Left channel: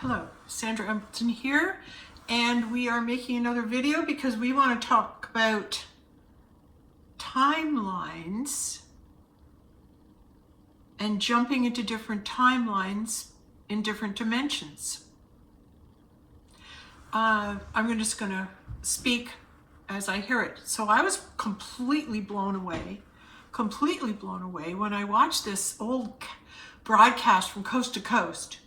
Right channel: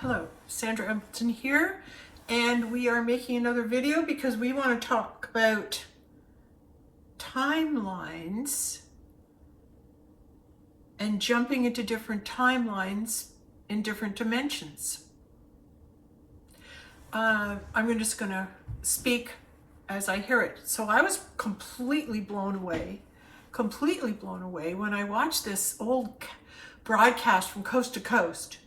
Hello, Sandra Empleton here, and we are making another video because we want to talk about timelines and jumping into different timelines in different dimensions. I'm just going to speak as I hear it. So I was completely blown away when I watched this old broadcast from coast to coast.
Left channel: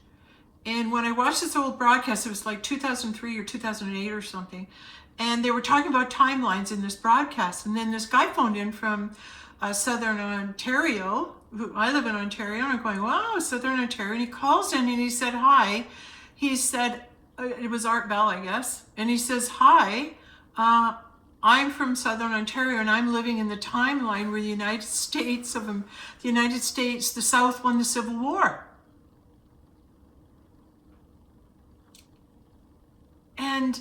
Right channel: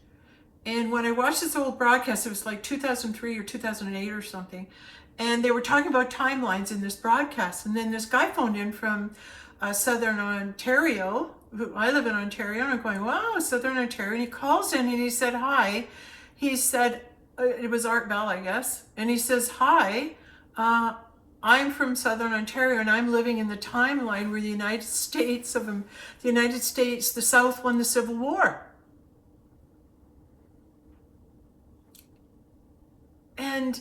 And when I watched this old broadcast, it was like 2003 or 2008 or something. And they were talking about timelines in this broadcast. And then this guy phoned in from Southern Ontario. I live in Ontario. And I'm going, wow, Southern Ontario. And he calls in and he said, hi. He said, it was Art Bell, I guess. And he says, hi, I'm from Southern Ontario and I'm living in the timeline where the the South won the Civil War. And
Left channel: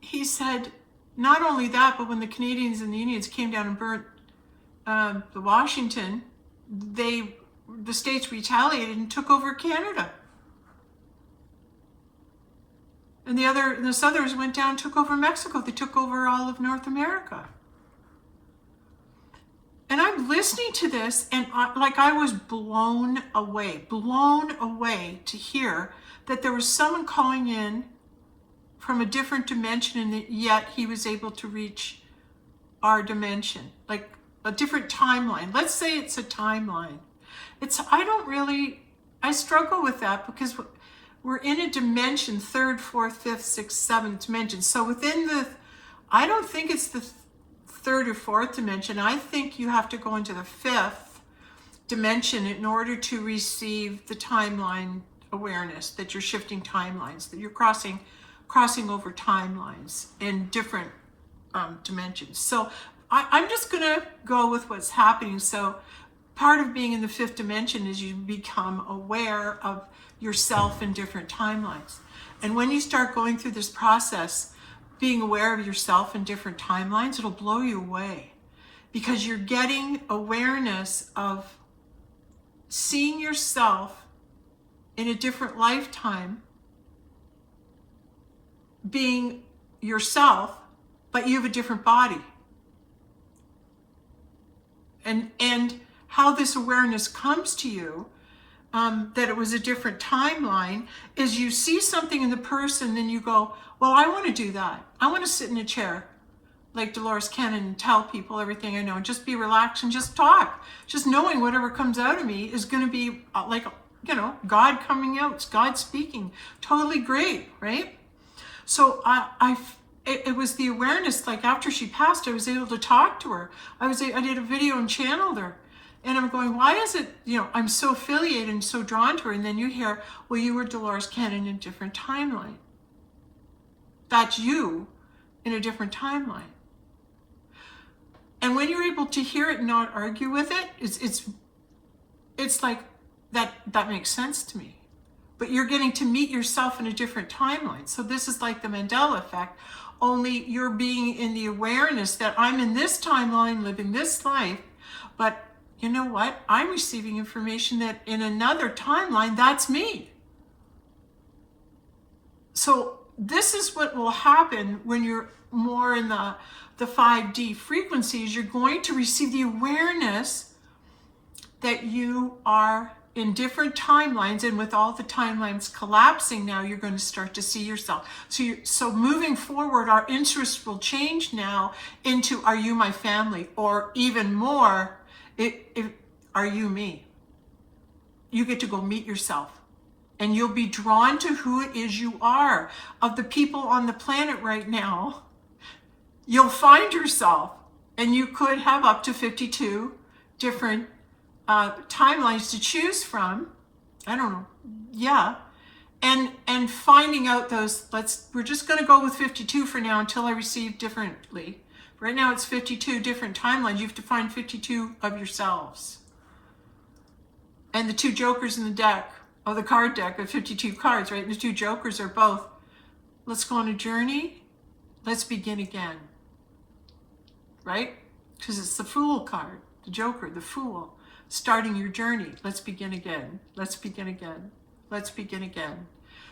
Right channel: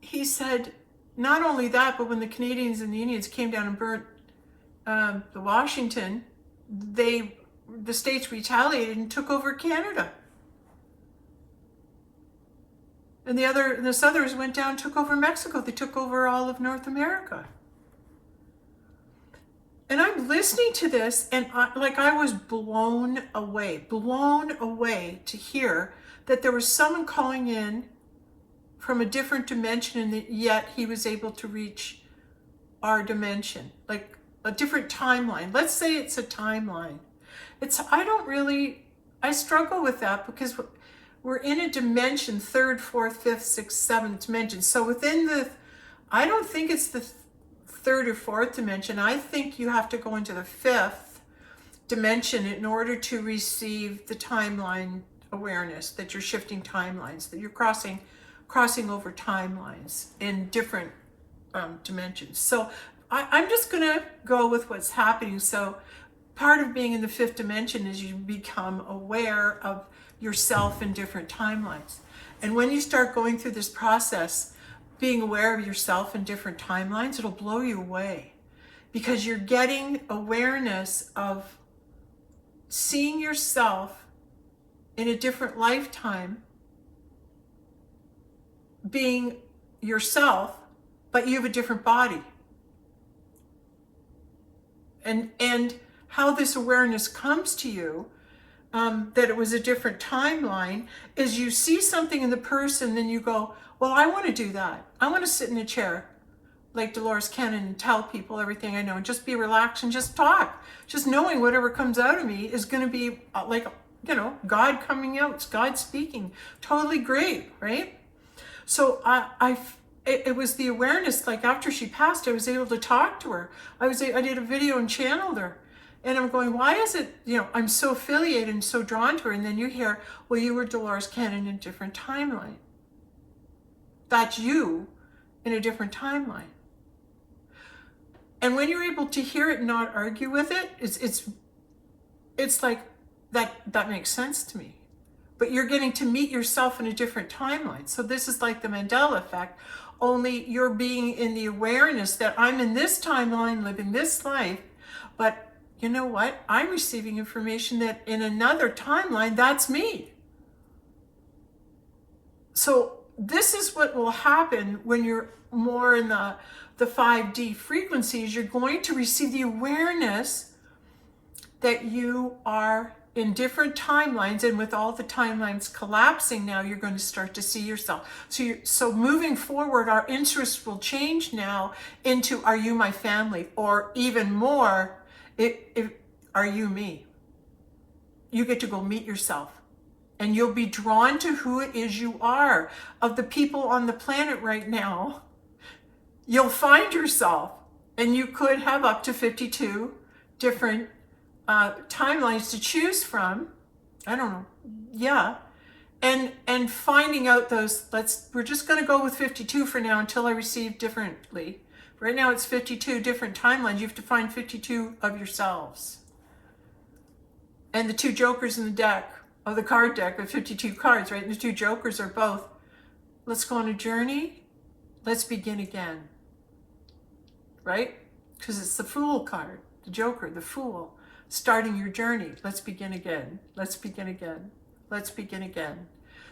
he said, not only that, but when the Canadians and the Indians came down and burnt the Washington, the states retaliated and took over Canada. And the Southerners went down and took over Mexico. They took over all of North America. And I'm listening to this, and I was blown away to hear that there was someone calling in from a different dimension, and yet he was able to reach our dimension, like a different timeline. Let's say it's a timeline. I struggle with that because we're in a dimension, third, fourth, fifth, sixth, seventh dimension. So I don't think it's the third or fourth dimension. I think you have to go into the fifth dimension in order to receive the timeline awareness, that you're shifting timelines, that you're crossing over timelines in different dimensions. So I'm just going to go with what's happening. So part of being in the fifth dimension is you become aware of yourself in different timelines. And when you start going through this process, being aware of yourself in different timelines, it'll blow you away because you're getting awareness of seeing yourself in a different lifetime, being yourself, but you have a different body. And how this awareness comes to you, that it was a different timeline, is you see something in the person and you go, well, I want to do that. I want to sit in a chair like Dolores Cannon and tell people everything I know and just be relaxed and just talk. Just knowing whatever comes out of me is going to be like, God coming out, it's God speaking. Totally great, right? So it was the awareness, like after she passed, I was able to talk to her. I did a video and channeled her. And I'm going, why is it, I'm so affiliated and so drawn to her. And then you hear, well, you were Dolores Cannon in a different timeline. That's you in a different timeline. And when you're able to hear it and not argue with it, it's like, that makes sense to me. But you're getting to meet yourself in a different timeline. So this is like the Mandela effect, only you're being in the awareness that I'm in this timeline, living this life, but you know what? I'm receiving information that in another timeline, that's me. So this is what will happen when you're more in the 5D frequencies. You're going to receive the awareness that you are in different timelines, and with all the timelines collapsing now, you're going to start to see yourself. So moving forward, our interest will change now into, are you my family? Or even more, are you me? You get to go meet yourself, and you'll be drawn to who it is you are. Of the people on the planet right now, you'll find yourself, and you could have up to 52 different timelines to choose from. I don't know. Yeah. And finding out those, we're just going to go with 52 for now until I receive differently. Right now it's 52 different timelines. You have to find 52 of yourselves. And the two jokers in the deck, the card deck of 52 cards, right? And the two jokers are both, let's go on a journey. Let's begin again. Right? Because it's the Fool card, the Joker, the Fool. Starting your journey. Let's begin again. Let's begin again. Let's begin again.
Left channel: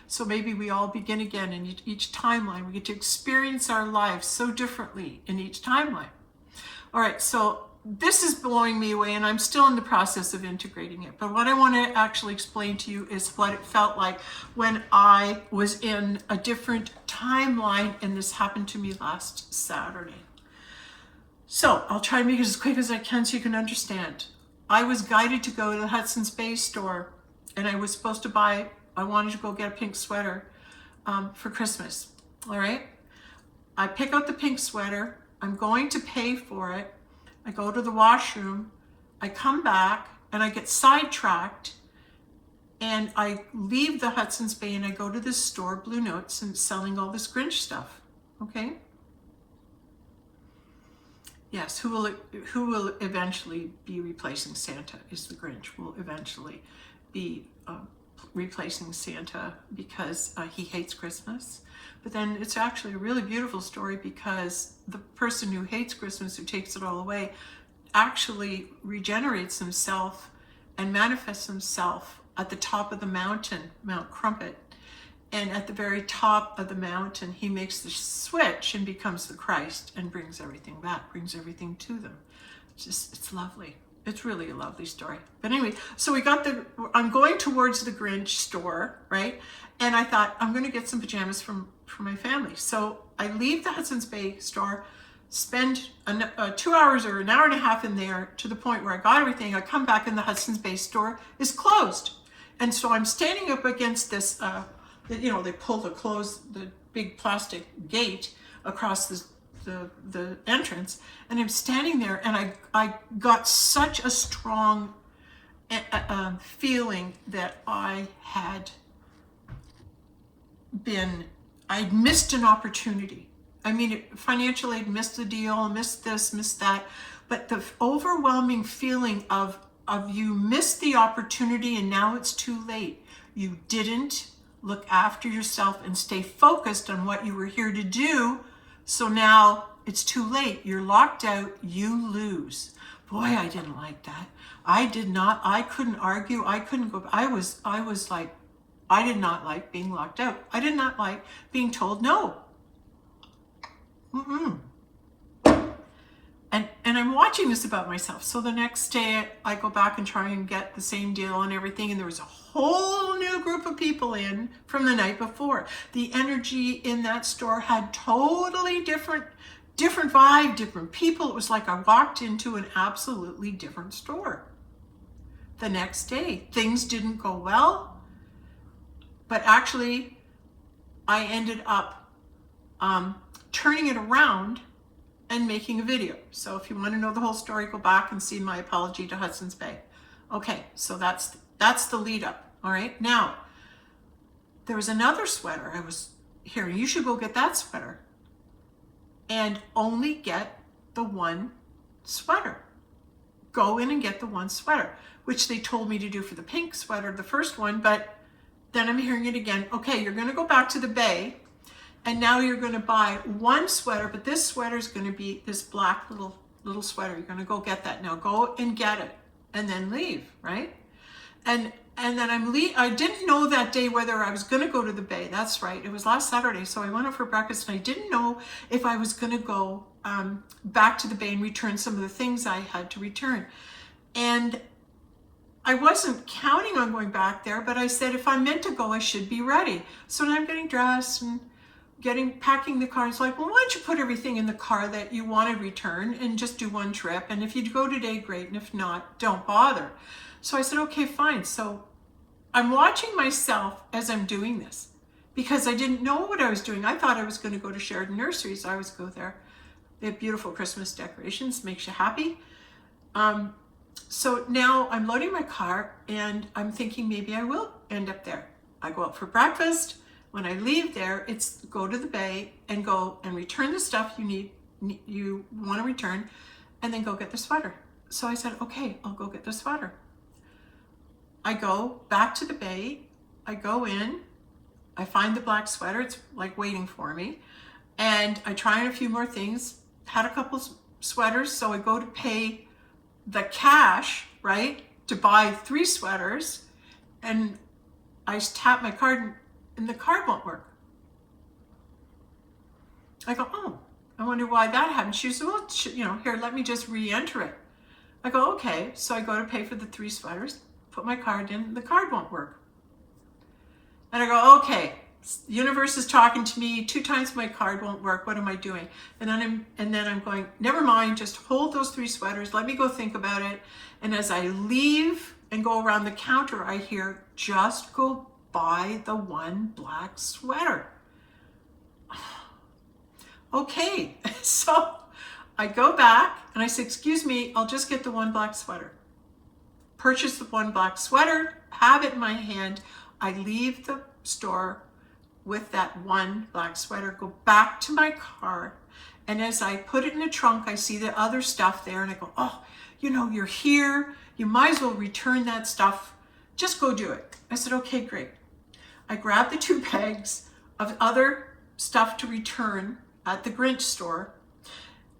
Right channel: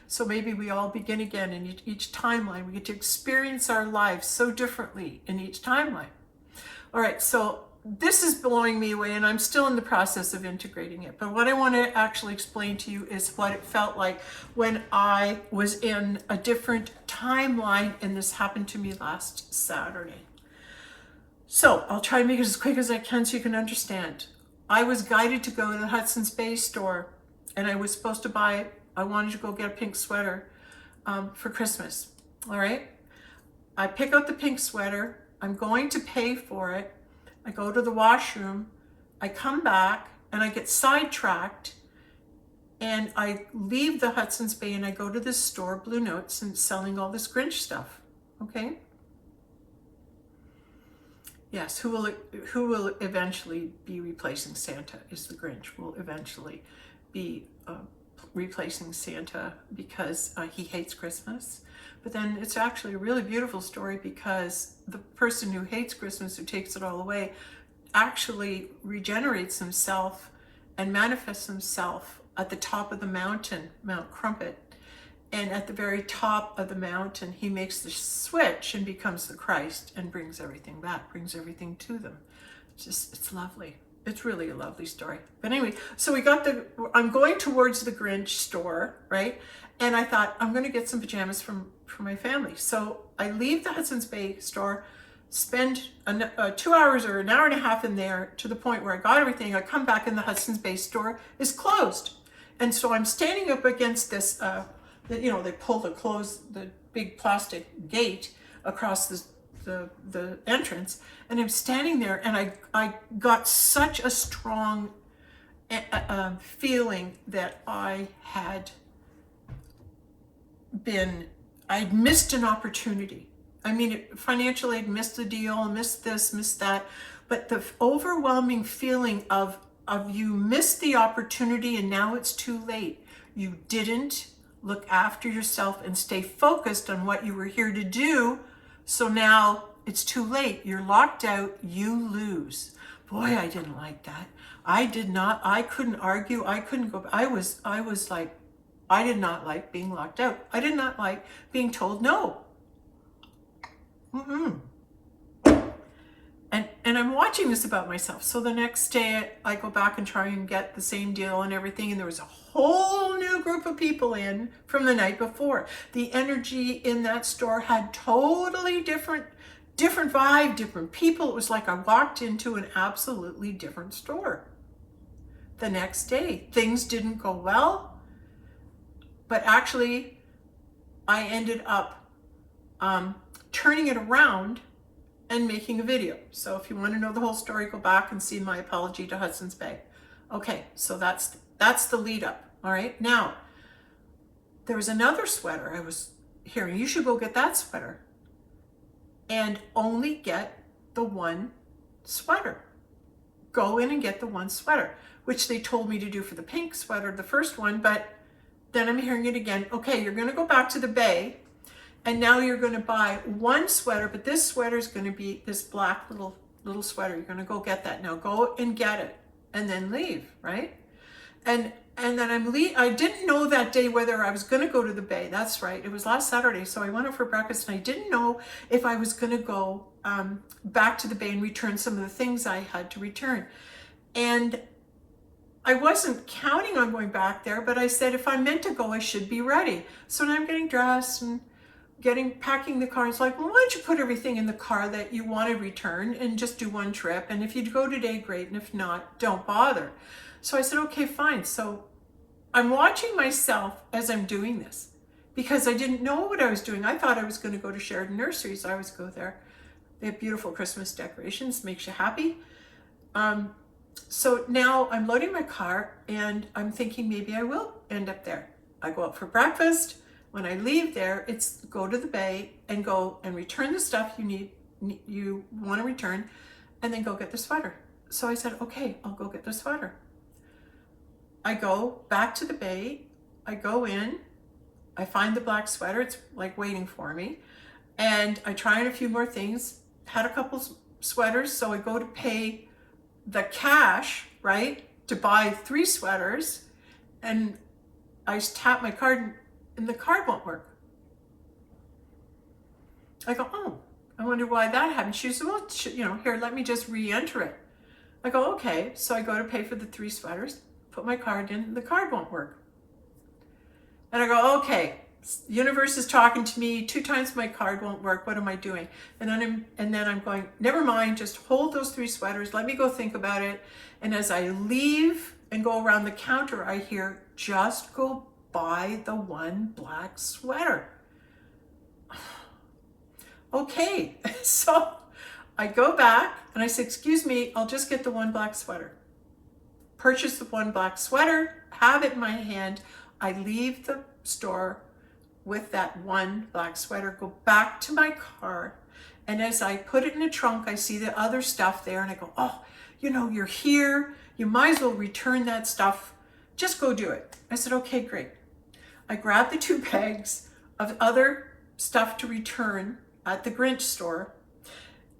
So maybe we all begin again in each timeline. We get to experience our lives so differently in each timeline. All right, so this is blowing me away, and I'm still in the process of integrating it. But what I want to actually explain to you is what it felt like when I was in a different timeline, and this happened to me last Saturday. So I'll try to make it as quick as I can so you can understand. I was guided to go to the Hudson's Bay store, and I was supposed to buy, I wanted to go get a pink sweater for Christmas. All right. I pick out the pink sweater. I'm going to pay for it. I go to the washroom. I come back and I get sidetracked, and I leave the Hudson's Bay and I go to this store, Blue Notes, and it's selling all this Grinch stuff. Okay. Yes, who will eventually be replacing Santa is the Grinch. Will eventually be replacing Santa because he hates Christmas. But then it's actually a really beautiful story, because the person who hates Christmas, who takes it all away, actually regenerates himself and manifests himself at the top of the mountain, Mount Crumpet. And at the very top of the mountain, he makes the switch and becomes the Christ and brings everything back, brings everything to them. It's lovely. It's really a lovely story. But anyway, so I'm going towards the Grinch store, right? And I thought, I'm going to get some pajamas for my family. So I leave the Hudson's Bay store, spend 2 hours or an hour and a half in there, to the point where I got everything. I come back and the Hudson's Bay store is closed. And so I'm standing up against this, they pull the big plastic gate across the entrance, and I'm standing there, and I got such a strong feeling that I'd missed an opportunity. I mean, financially, I'd missed the deal, missed this, missed that, but the overwhelming feeling of you missed the opportunity and now it's too late. You didn't look after yourself and stay focused on what you were here to do. So now it's too late. You're locked out. You lose. Boy, I didn't like that. I couldn't argue. I couldn't go. I was like, I did not like being locked out. I did not like being told no. And I'm watching this about myself. So the next day I go back and try and get the same deal and everything. And there was a whole new group of people in from the night before. The energy in that store had totally different vibe, different people. It was like I walked into an absolutely different store. The next day, things didn't go well, but actually I ended up turning it around and making a video. So if you want to know the whole story, go back and see my apology to Hudson's Bay. Okay, so that's the lead up. All right, now there was another sweater I was hearing. You should go get that sweater and only get the one sweater. Go in and get the one sweater, which they told me to do for the pink sweater, the first one, but then I'm hearing it again. Okay, you're going to go back to the Bay, and now you're going to buy one sweater, but this sweater is going to be this black little sweater. You're going to go get that. Now go and get it and then leave, right? And then I didn't know that day whether I was going to go to the Bay. That's right. It was last Saturday. So I went out for breakfast, and I didn't know if I was going to go back to the Bay and return some of the things I had to return. And I wasn't counting on going back there, but I said, if I'm meant to go, I should be ready. So now I'm getting dressed and packing the car. It's like, well, why don't you put everything in the car that you want to return and just do one trip? And if you go today, great. And if not, don't bother. So I said, okay, fine. So I'm watching myself as I'm doing this, because I didn't know what I was doing. I thought I was going to go to Sheridan Nurseries. I always go there. They have beautiful Christmas decorations, makes you happy. So now I'm loading my car, and I'm thinking maybe I will end up there. I go out for breakfast. When I leave there, it's go to the Bay and go and return the stuff you want to return, and then go get the sweater. So I said, okay, I'll go get the sweater. I go back to the Bay. I go in. I find the black sweater. It's like waiting for me. And I try on a few more things. Had a couple sweaters, so I go to pay the cash, right, to buy 3 sweaters. And I tap my card, and the card won't work. I go, oh, I wonder why that happened. She said, well, here, let me just re-enter it. I go, okay. So I go to pay for the 3 sweaters, put my card in, the card won't work. And I go, okay, universe is talking to me 2 times my card won't work. What am I doing? And then I'm going, never mind, just hold those 3 sweaters. Let me go think about it. And as I leave and go around the counter, I hear, just go buy the 1 black sweater. Okay, so I go back and I say, excuse me, I'll just get the 1 black sweater. Purchase the 1 black sweater, have it in my hand. I leave the store with that 1 black sweater, go back to my car. And as I put it in the trunk, I see the other stuff there and I go, oh, you're here. You might as well return that stuff. Just go do it. I said, okay, great. I grabbed the 2 bags of other stuff to return at the Grinch store,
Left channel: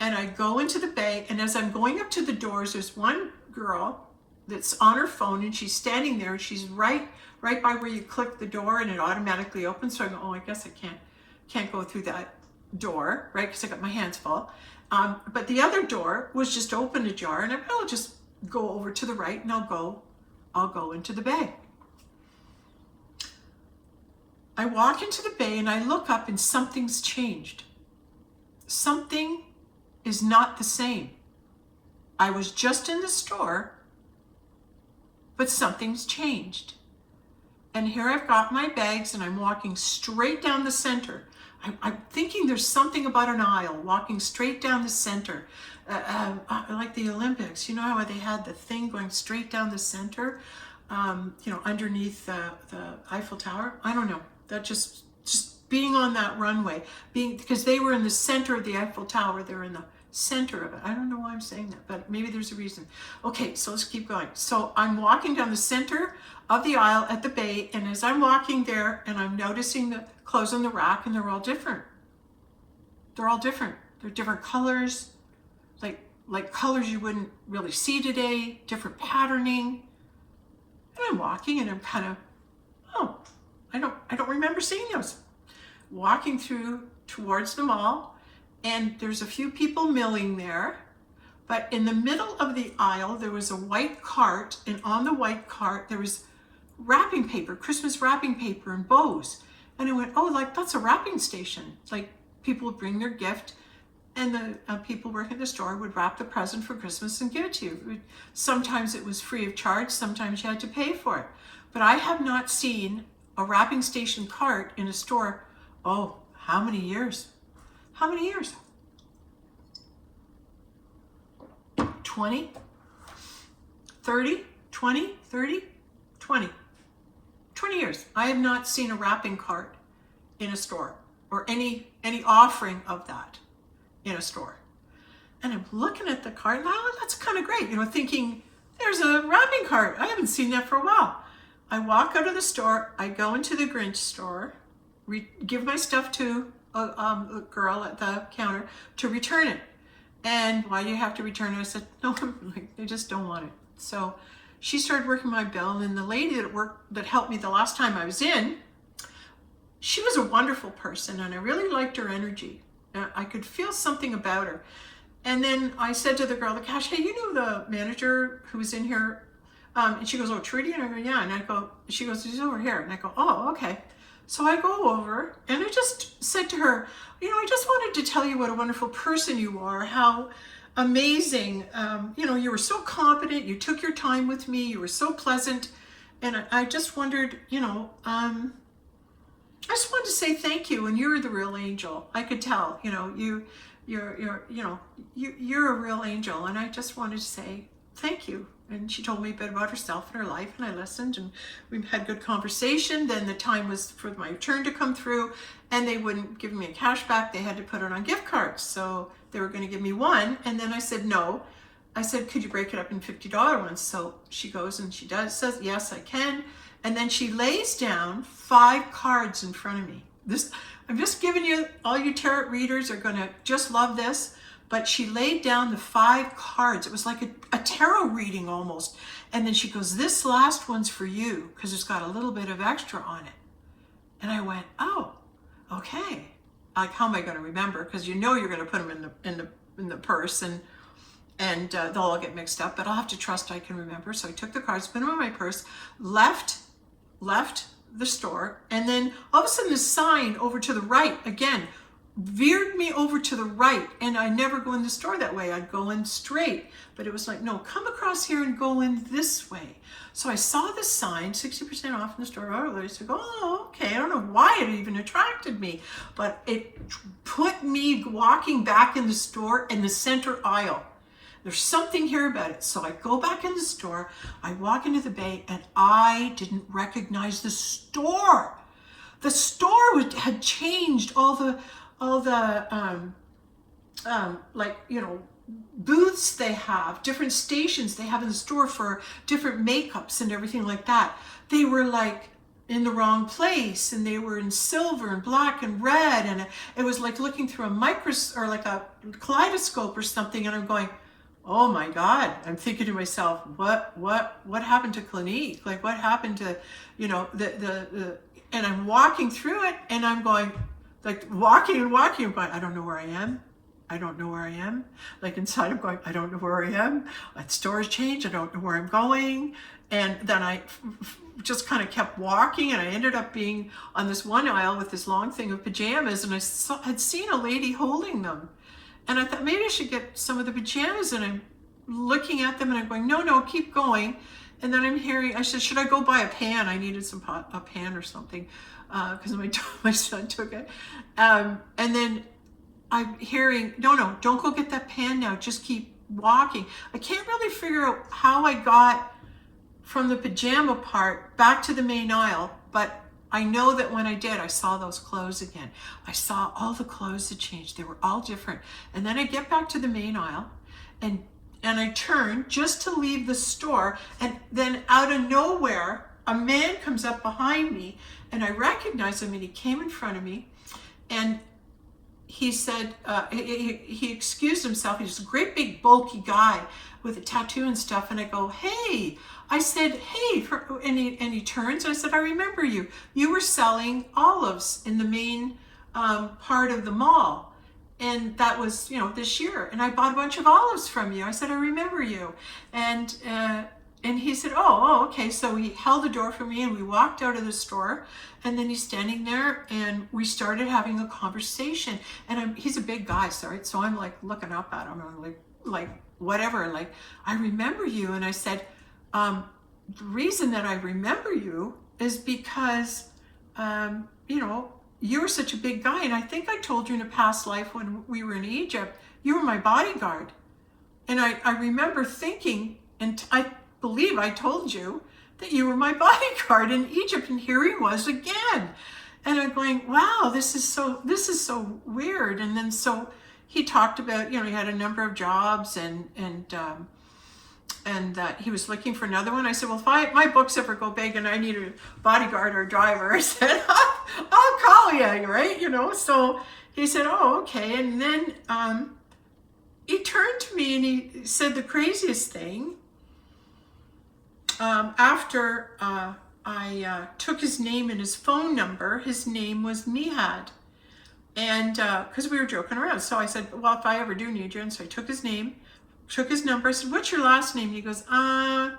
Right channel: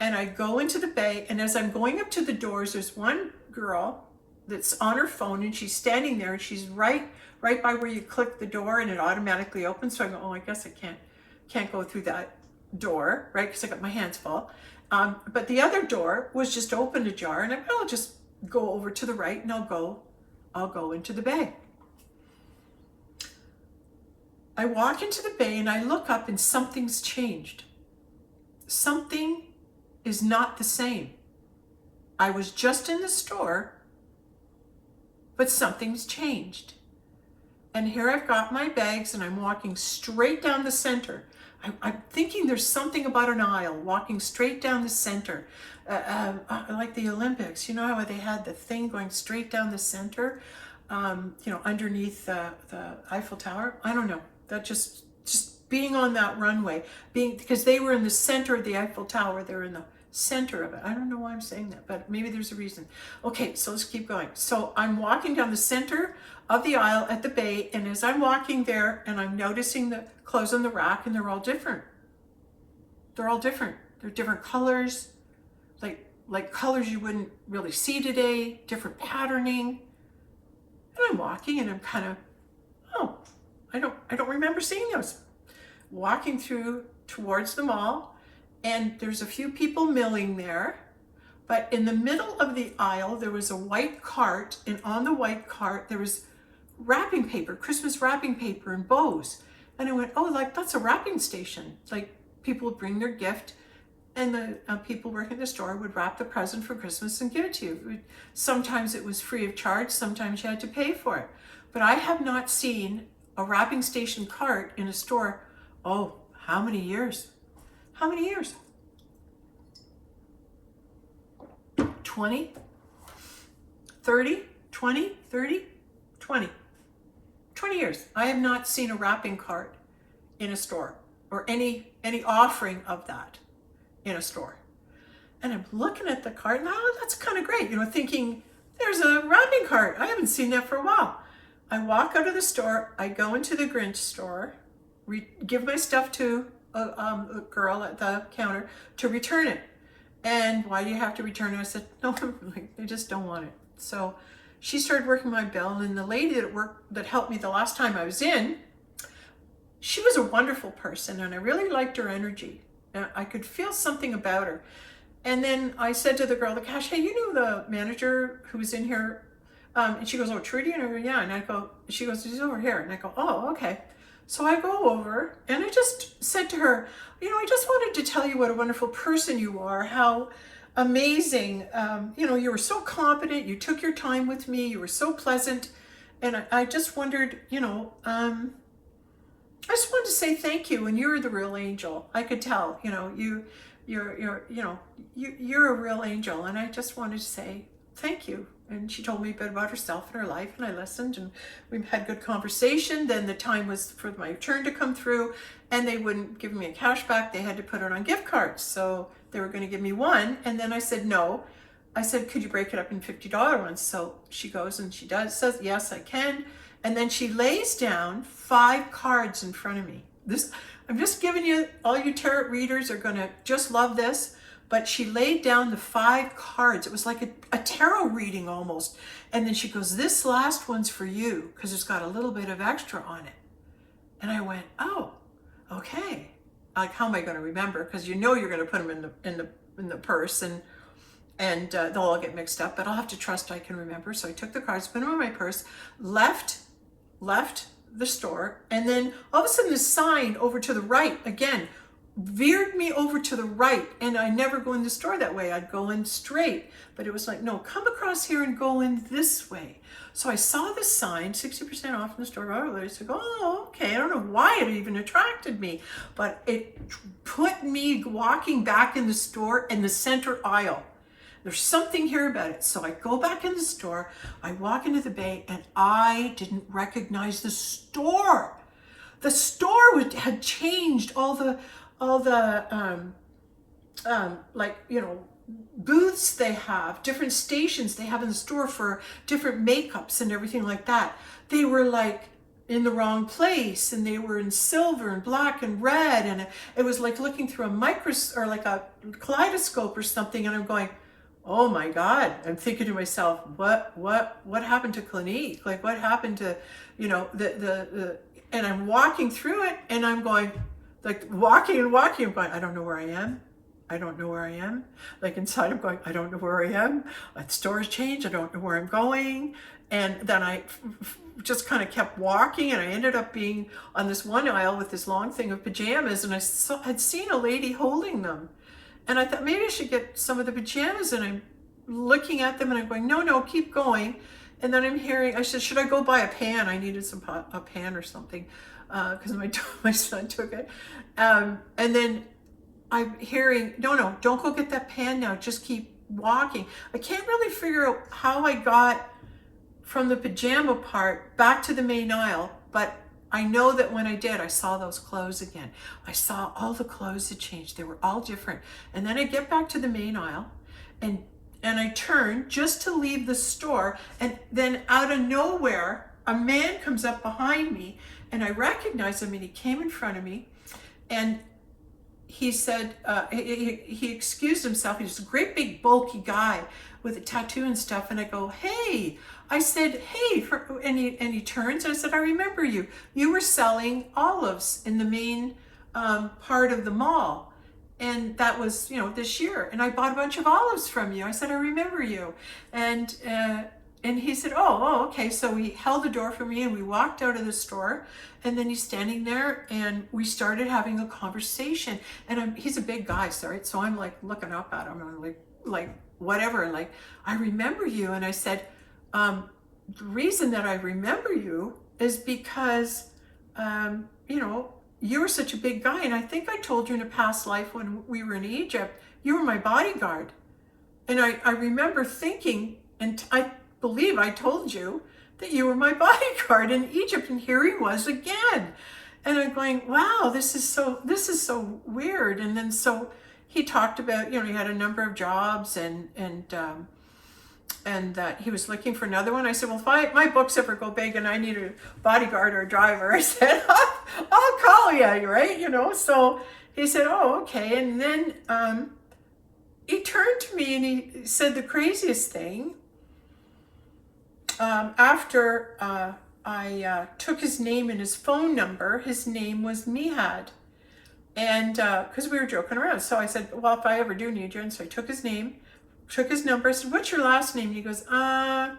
and I go into the bay, and as I'm going up to the doors, there's one girl that's on her phone, and she's standing there, and she's right by where you click the door, and it automatically opens. So I go, oh, I guess I can't go through that door, right? Because I got my hands full. But the other door was just open ajar, and I'll just go over to the right, and I'll go into the bay. I walk into the bay, and I look up, and something's changed. Something is not the same. I was just in the store, but something's changed. And here I've got my bags and I'm walking straight down the center. I'm thinking there's something about an aisle, walking straight down the center. Like the Olympics, you know how they had the thing going straight down the center, underneath the Eiffel Tower? I don't know. That just being on that runway, because they were in the center of the Eiffel Tower, they're in the center of it. I don't know why I'm saying that, but maybe there's a reason. Okay, so let's keep going. So I'm walking down the center of the aisle at the bay, and as I'm walking there, and I'm noticing the clothes on the rack, and they're all different. They're all different. They're different colors, like colors you wouldn't really see today, different patterning. And I'm walking, and I'm kind of, oh, I don't remember seeing those. Walking through towards the mall, and there's a few people milling there, but in the middle of the aisle there was a white cart, and on the white cart there was wrapping paper, Christmas wrapping paper and bows. And I went, oh, that's a wrapping station. Like, people would bring their gift, and the people working at the store would wrap the present for Christmas and give it to you. Sometimes it was free of charge, sometimes you had to pay for it. But I have not seen a wrapping station cart in a store. Oh, how many years? How many years? 20? 30? 20? 30? 20. 20 years. I have not seen a wrapping cart in a store, or any offering of that in a store. And I'm looking at the cart, and that's kind of great, thinking, there's a wrapping cart. I haven't seen that for a while. I walk out of the store, I go into the Grinch store, give my stuff to a girl at the counter to return it. And why do you have to return it? I said, no, I just don't want it. So she started working my bill, and then the lady that helped me the last time I was in, she was a wonderful person, and I really liked her energy. I could feel something about her. And then I said to the girl, the cash, hey, you know the manager who was in here? And she goes, oh, Trudy? And I go, yeah. And I go, she goes, he's over here. And I go, oh, okay. So I go over, and I just said to her, I just wanted to tell you what a wonderful person you are, how amazing, you were so competent, you took your time with me, you were so pleasant, and I just wondered, I just wanted to say thank you, and you're the real angel. I could tell, you're a real angel, and I just wanted to say thank you. And she told me a bit about herself and her life, and I listened, and we had good conversation. Then the time was for my turn to come through, and they wouldn't give me a cash back. They had to put it on gift cards. So they were going to give me one, and then I said no. I said, could you break it up in $50 ones? So she goes and she says, yes, I can. And then she lays down 5 cards in front of me. I'm just giving you, all you tarot readers are going to just love this. But she laid down the 5 cards. It was like a tarot reading almost. And then she goes, this last one's for you, because it's got a little bit of extra on it. And I went, oh, okay. Like, how am I going to remember? Because you know you're going to put them in the purse, and they'll all get mixed up. But I'll have to trust I can remember. So I took the cards, put them in my purse, left the store, and then all of a sudden the sign over to the right again veered me over to the right, and I never go in the store that way. I'd go in straight, but it was like, no, come across here and go in this way. So I saw the sign, 60% off in the store. I said, oh, okay. I don't know why it even attracted me, but it put me walking back in the store in the center aisle. There's something here about it. So I go back in the store, I walk into the bay, and I didn't recognize the store. The store had changed all the like, you know, booths they have, different stations they have in the store for different makeups and everything like that. They were like in the wrong place, and they were in silver and black and red, and it was like looking through a microscope or like a kaleidoscope or something. And I'm going, oh my God. I'm thinking to myself, what happened to Clinique? Like, what happened to, you know, the and I'm walking through it, and I'm going, like, walking, I'm going, I don't know where I am. I don't know where I am. Like, inside I'm going, I don't know where I am. The store has changed. I don't know where I'm going. And then I just kind of kept walking, and I ended up being on this one aisle with this long thing of pajamas, and I had seen a lady holding them. And I thought maybe I should get some of the pajamas, and I'm looking at them, and I'm going, no, keep going. And then I'm hearing, I said, should I go buy a pan? I needed a pan or something, because my son took it. And then I'm hearing, no, don't go get that pan now. Just keep walking. I can't really figure out how I got from the pajama part back to the main aisle, but I know that when I did, I saw those clothes again. I saw all the clothes had changed. They were all different. And then I get back to the main aisle, and I turn just to leave the store, and then out of nowhere, a man comes up behind me, and I recognize him, and he came in front of me, and he said, he excused himself. He was a great big bulky guy with a tattoo and stuff. And I go, hey, I said, hey, and he turns, and I said, I remember you. You were selling olives in the main part of the mall. And that was, you know, this year. And I bought a bunch of olives from you. I said, I remember you. And he said, oh, okay. So he held the door for me, and we walked out of the store. And then he's standing there, and we started having a conversation. And he's a big guy, sorry. So I'm like looking up at him, and I'm like whatever, like, I remember you. And I said, the reason that I remember you is because, you know, you were such a big guy. And I think I told you in a past life when we were in Egypt, you were my bodyguard. And I remember thinking, and I believe I told you that you were my bodyguard in Egypt, and here he was again. And I'm going, wow, this is so weird. And then so he talked about, you know, he had a number of jobs, and that he was looking for another one. I said, well, if my books ever go big and I need a bodyguard or a driver, I said, I'll call you, right? You know. So he said, oh, okay. And then he turned to me, and he said the craziest thing. After I took his name and his phone number, his name was Mihad. And because we were joking around. So I said, well, if I ever do need you. And so I took his name, took his number. I said, what's your last name? And he goes, I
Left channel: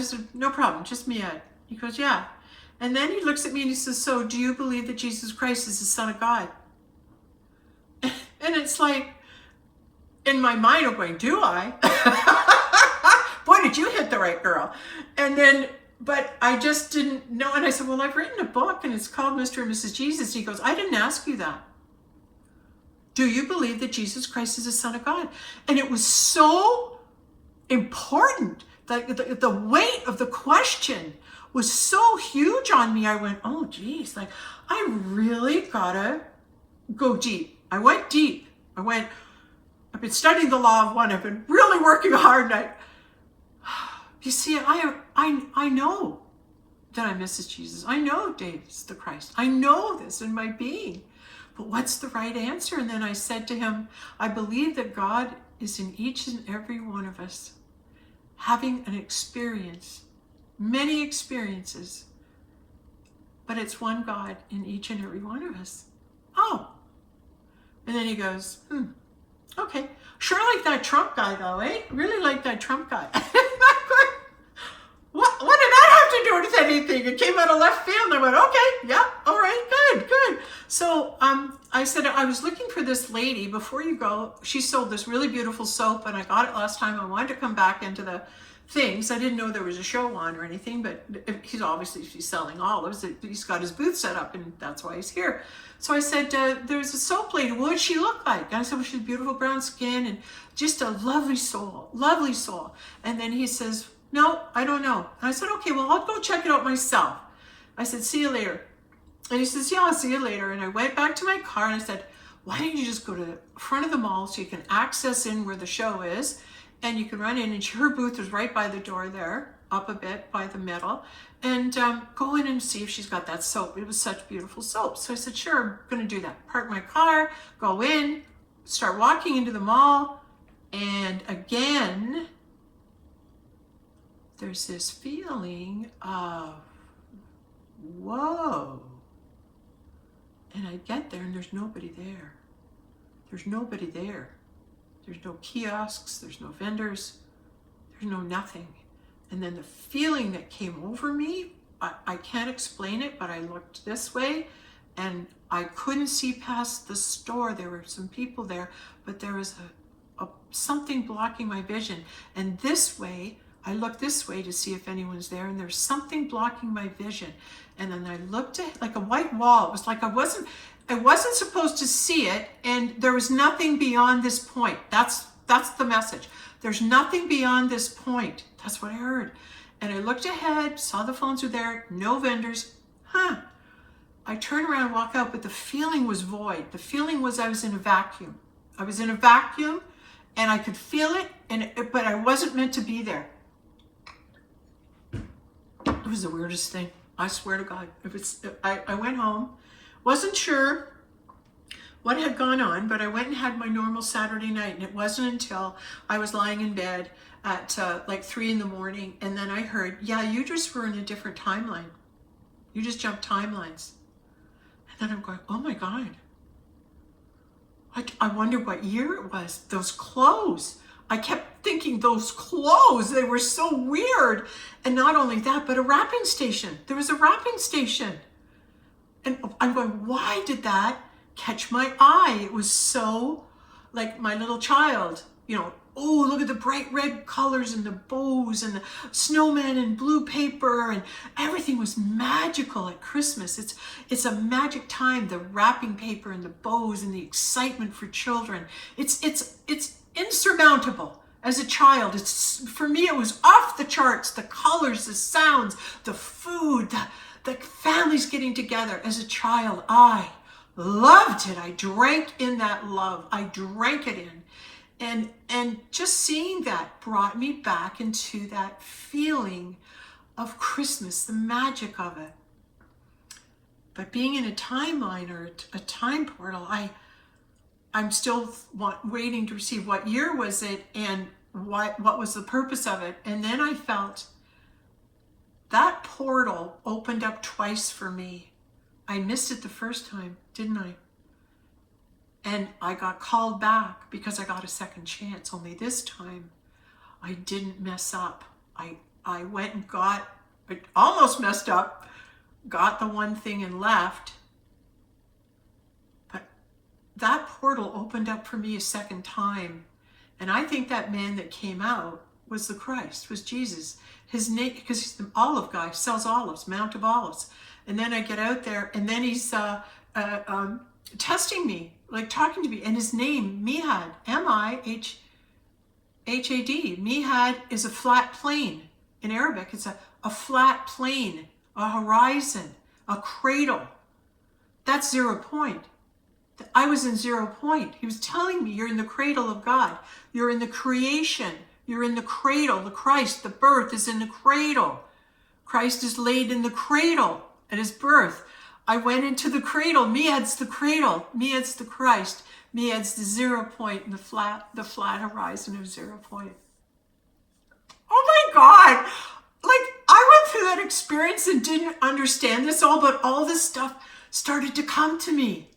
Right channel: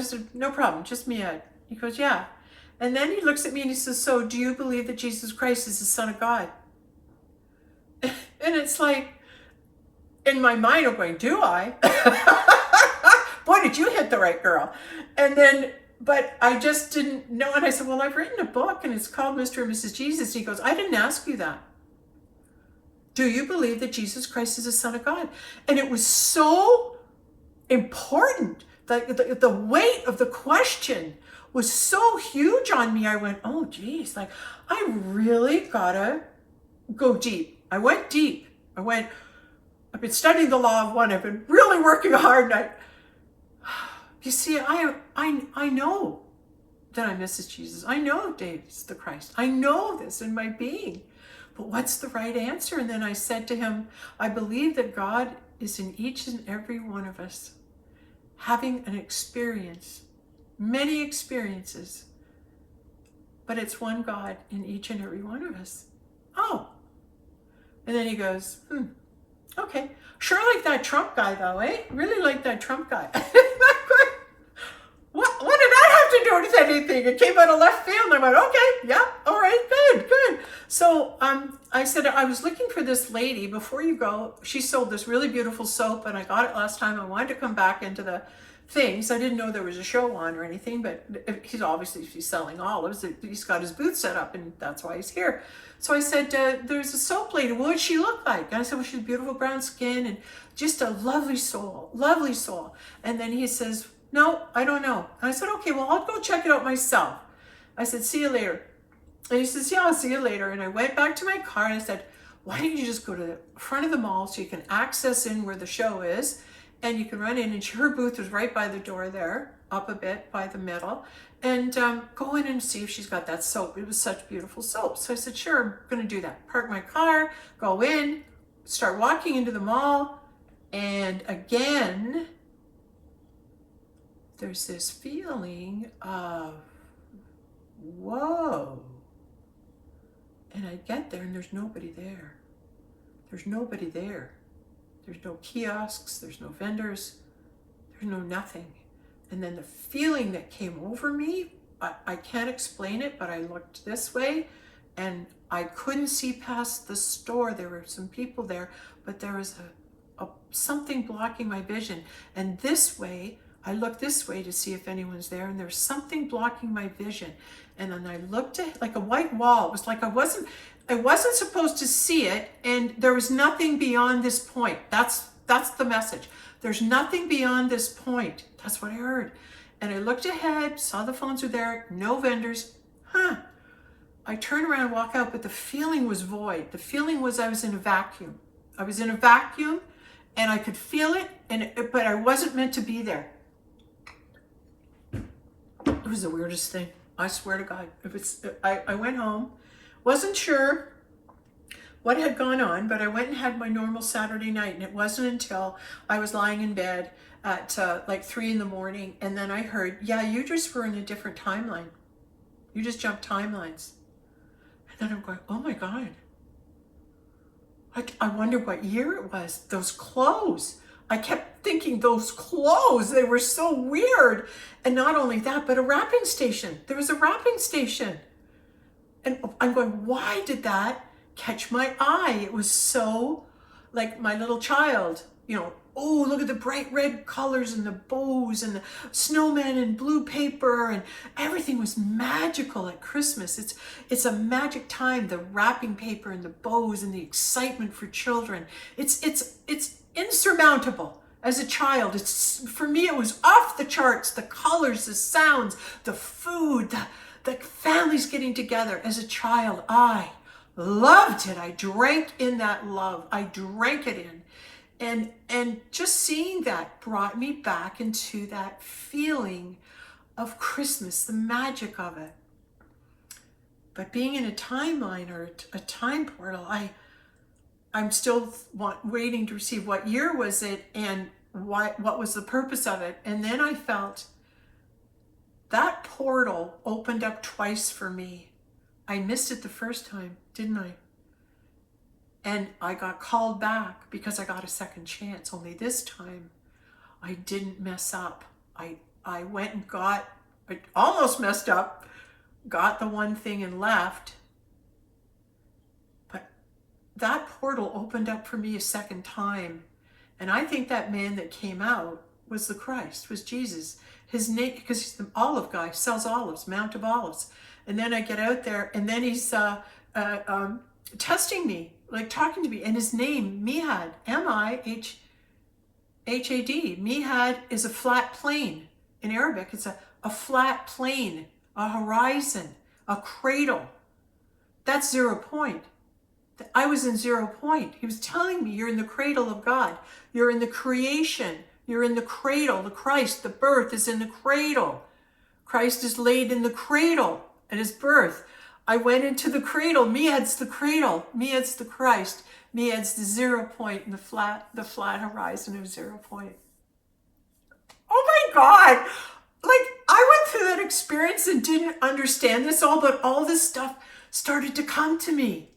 said, no problem, just Mihad. He goes, yeah. And then he looks at me, and he says, so do you believe that Jesus Christ is the Son of God? And it's like, in my mind, I'm going, do I? Boy, did you hit the right girl. And then, but I just didn't know. And I said, well, I've written a book, and it's called Mr. and Mrs. Jesus. He goes, I didn't ask you that. Do you believe that Jesus Christ is the Son of God? And it was so important. The weight of the question was so huge on me. I went, oh, geez, like, I really gotta go deep. I went deep. I've been studying the law of one. I've been really working hard, and you see, I know that I'm Mrs. Jesus. I know David's the Christ. I know this in my being. But what's the right answer? And then I said to him, I believe that God is in each and every one of us, having an experience, many experiences, but it's one God in each and every one of us. Oh. And then he goes, okay. Sure like that Trump guy though, eh? Really like that Trump guy. What did that have to do with anything? It came out of left field. And I went, okay, yeah, all right, good. So I said, I was looking for this lady. Before you go, she sold this really beautiful soap, and I got it last time. I wanted to come back into the things. I didn't know there was a show on or anything, but he's selling olives. He's got his booth set up, and that's why he's here. So I said, there's a soap lady. What would she look like? And I said, well, she's beautiful brown skin and just a lovely soul. And then he says, no, I don't know. And I said, okay, well, I'll go check it out myself. I said, see you later. And he says, yeah, I'll see you later. And I went back to my car and I said, why don't you just go to the front of the mall so you can access in where the show is, and you can run in, and her booth was right by the door there, up a bit by the middle, and go in and see if she's got that soap. It was such beautiful soap. So I said, sure, I'm going to do that. Park my car, go in, start walking into the mall, and again, there's this feeling of, whoa. And I get there and there's nobody there. There's nobody there. There's no kiosks, there's no vendors, there's no nothing. And then the feeling that came over me, I can't explain it, but I looked this way and I couldn't see past the store. There were some people there, but there was something blocking my vision. And this way, I looked this way to see if anyone's there, and there's something blocking my vision. And then I looked at like a white wall. It was like I wasn't supposed to see it, and there was nothing beyond this point. That's the message. There's nothing beyond this point. That's what I heard. And I looked ahead, saw the phones were there, no vendors. I turned around and walked out, but the feeling was void. The feeling was I was in a vacuum. I was in a vacuum, and I could feel it, but I wasn't meant to be there. It was the weirdest thing. I swear to God. I went home, wasn't sure what had gone on, but I went and had my normal Saturday night, and it wasn't until I was lying in bed at like 3 a.m, and then I heard, yeah, you just were in a different timeline. You just jumped timelines. And then I'm going, oh my God. I wonder what year it was. Those clothes. I kept thinking those clothes, they were so weird. And not only that, but a wrapping station. There was a wrapping station. And I'm going, why did that catch my eye? It was so like my little child, oh, look at the bright red colors and the bows and the snowman and blue paper, and everything was magical at Christmas. It's a magic time, the wrapping paper and the bows and the excitement for children. It's insurmountable. As a child, for me, it was off the charts. The colors, the sounds, the food, the families getting together. As a child, I loved it. I drank in that love. I drank it in. And just seeing that brought me back into that feeling of Christmas, the magic of it. But being in a timeline or a time portal, I'm still waiting to receive what year was it and what was the purpose of it. And then I felt that portal opened up twice for me. I missed it the first time, didn't I? And I got called back because I got a second chance. Only this time I didn't mess up. I went and I almost messed up, got the one thing and left. But that portal opened up for me a second time. And I think that man that came out was the Christ, was Jesus. His name, because he's the olive guy, sells olives, Mount of Olives. And then I get out there, and then he's testing me, like talking to me. And his name, Mihad, M-I-H-A-D. Mihad is a flat plane. In Arabic, it's a flat plane, a horizon, a cradle. That's 0 point. I was in 0 point. He was telling me, you're in the cradle of God. You're in the creation. You're in the cradle. The Christ, the birth is in the cradle. Christ is laid in the cradle at his birth. I went into the cradle. Mihad's the cradle. Mihad's the Christ. Mihad's the 0 point in the flat horizon of 0 point. Oh my God. Like, I went through that experience and didn't understand this all, but all this stuff started to come to me.